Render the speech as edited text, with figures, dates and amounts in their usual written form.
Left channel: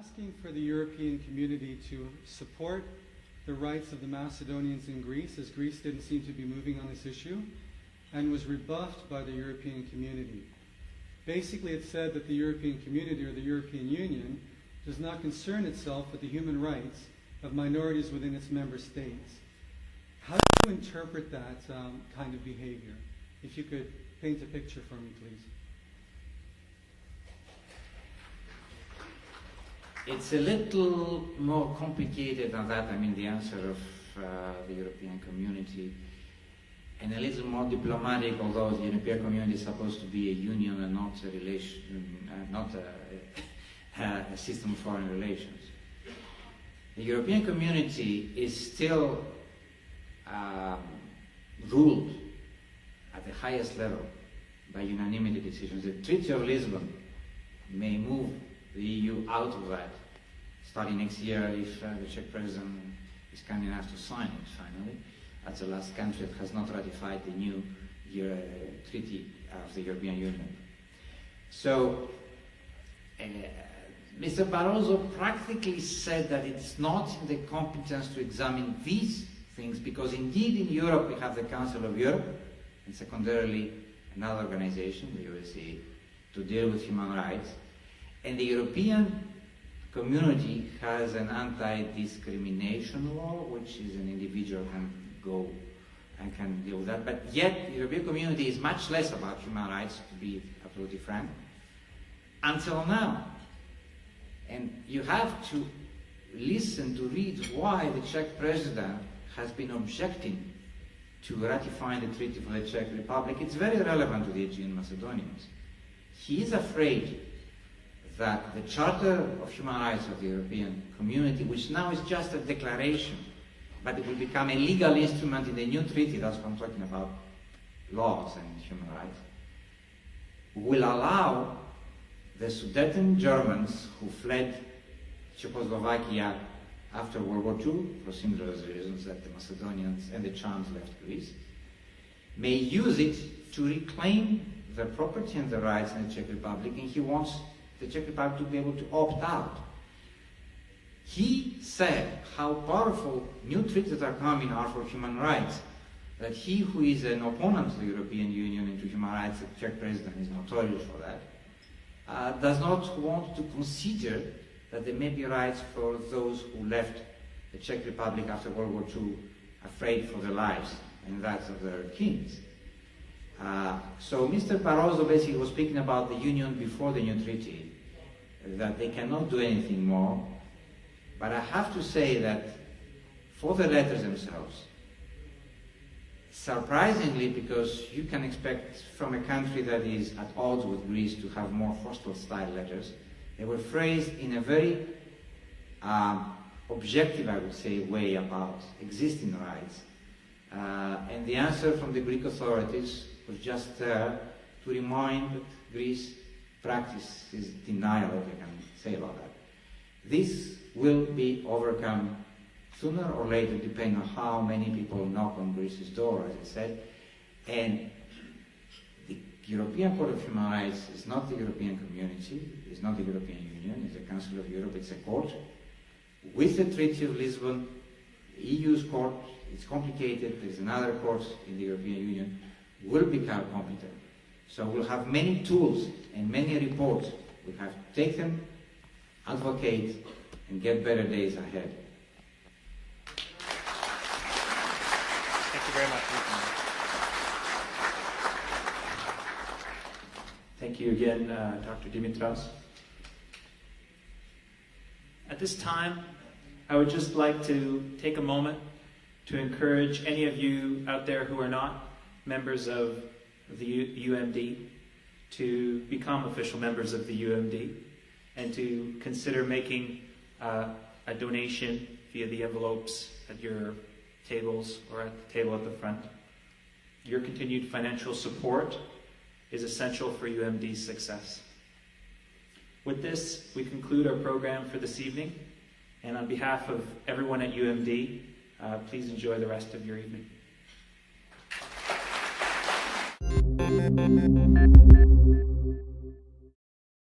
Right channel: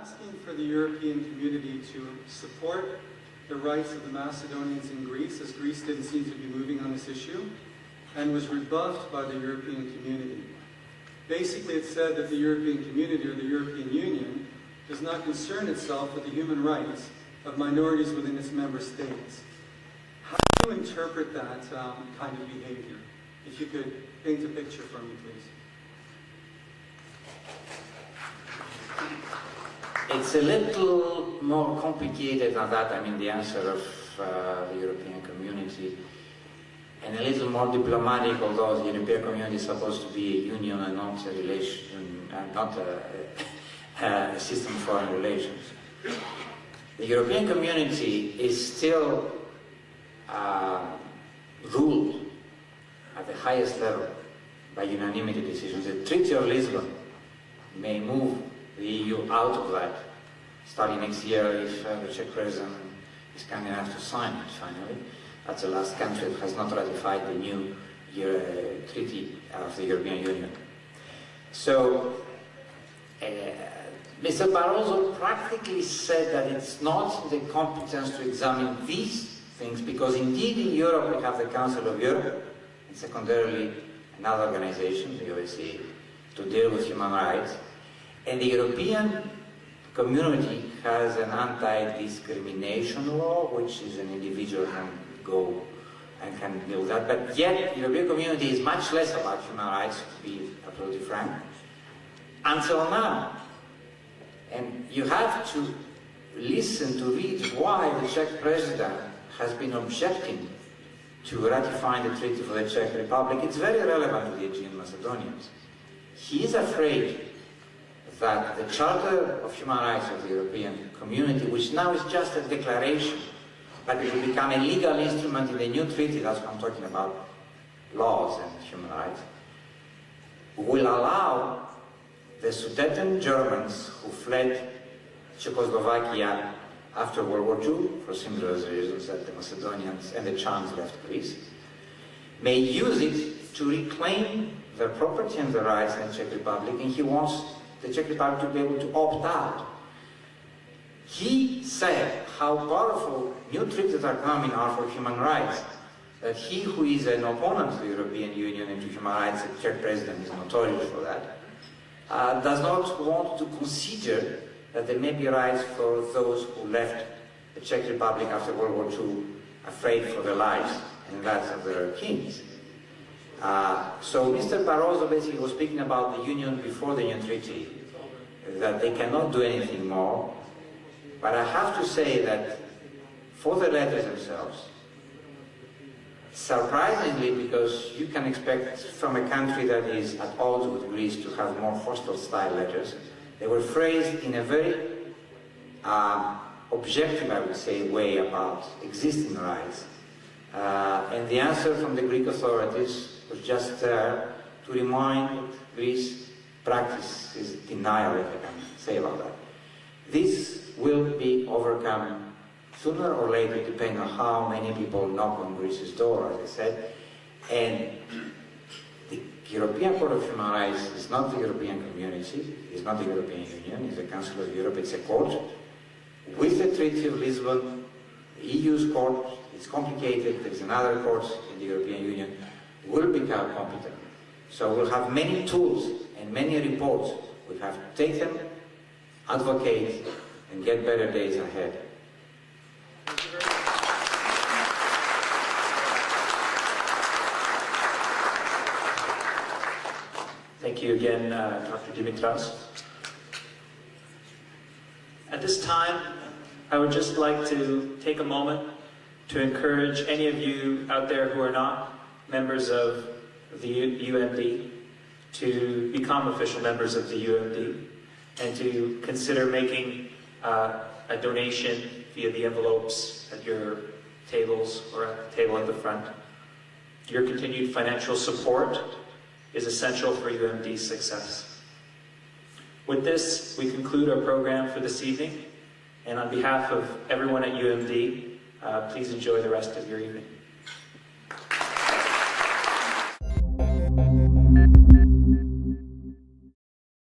Asking for the European community to support the rights of the Macedonians in Greece, as Greece didn't seem to be moving on this issue, and was rebuffed by the European community. Basically, it said that the European community, or the European Union, does not concern itself with the human rights of minorities within its member states. How do you interpret that kind of behavior? If you could paint a picture for me, please. It's a little more complicated than that. I mean, the answer of the European community, and a little more diplomatic, although the European community is supposed to be a union and not a relation, and not a system of foreign relations. The European community is still ruled at the highest level by unanimity decisions. The Treaty of Lisbon may move the EU out of that, starting next year if the Czech President is kind enough to sign it finally. That's the last country that has not ratified the new treaty of the European Union. So, Mr. Barroso practically said that it's not the competence to examine these things, because indeed in Europe we have the Council of Europe, and secondarily another organization, the OSCE, to deal with human rights. And the European community has an anti-discrimination law, which is an individual can go and can deal with that. But yet, the European community is much less about human rights, to be absolutely frank, until now. And you have to listen to read why the Czech president has been objecting to ratifying the treaty for the Czech Republic. It's very relevant to the Aegean Macedonians. He is afraid that the Charter of Human Rights of the European Community, which now is just a declaration, but it will become a legal instrument in the new treaty, that's what I'm talking about, laws and human rights, will allow the Sudeten Germans who fled Czechoslovakia after World War II, for similar reasons that the Macedonians and the Chants left Greece, may use it to reclaim their property and their rights in the Czech Republic, and he wants the Czech Republic to be able to opt out. He said how powerful new treaties are coming are for human rights, that he who is an opponent to the European Union and to human rights, the Czech president is notorious for that, does not want to consider that there may be rights for those who left the Czech Republic after World War II afraid for their lives and that of their kings. So Mr. Barroso basically was speaking about the Union before the new treaty, that they cannot do anything more. But I have to say that for the letters themselves, surprisingly, because you can expect from a country that is at odds with Greece to have more hostile style letters, they were phrased in a very objective, I would say, way about existing rights. And the answer from the Greek authorities was just there to remind Greece practices denial, if I can say about that. This will be overcome sooner or later, depending on how many people knock on Greece's door, as I said. And the European Court of Human Rights is not the European Community, it's not the European Union, it's the Council of Europe, it's a court. With the Treaty of Lisbon, the EU's court, it's complicated, there's another court in the European Union, will become competent. So we'll have many tools and many reports. We have to take them, advocate, and get better days ahead. Thank you again, Dr. Dimitras. At this time, I would just like to take a moment to encourage any of you out there who are not members of the UMD to become official members of the UMD and to consider making a donation via the envelopes at your tables or at the table at the front. Your continued financial support is essential for UMD's success. With this, we conclude our program for this evening, and on behalf of everyone at UMD, please enjoy the rest of your evening. Thank you.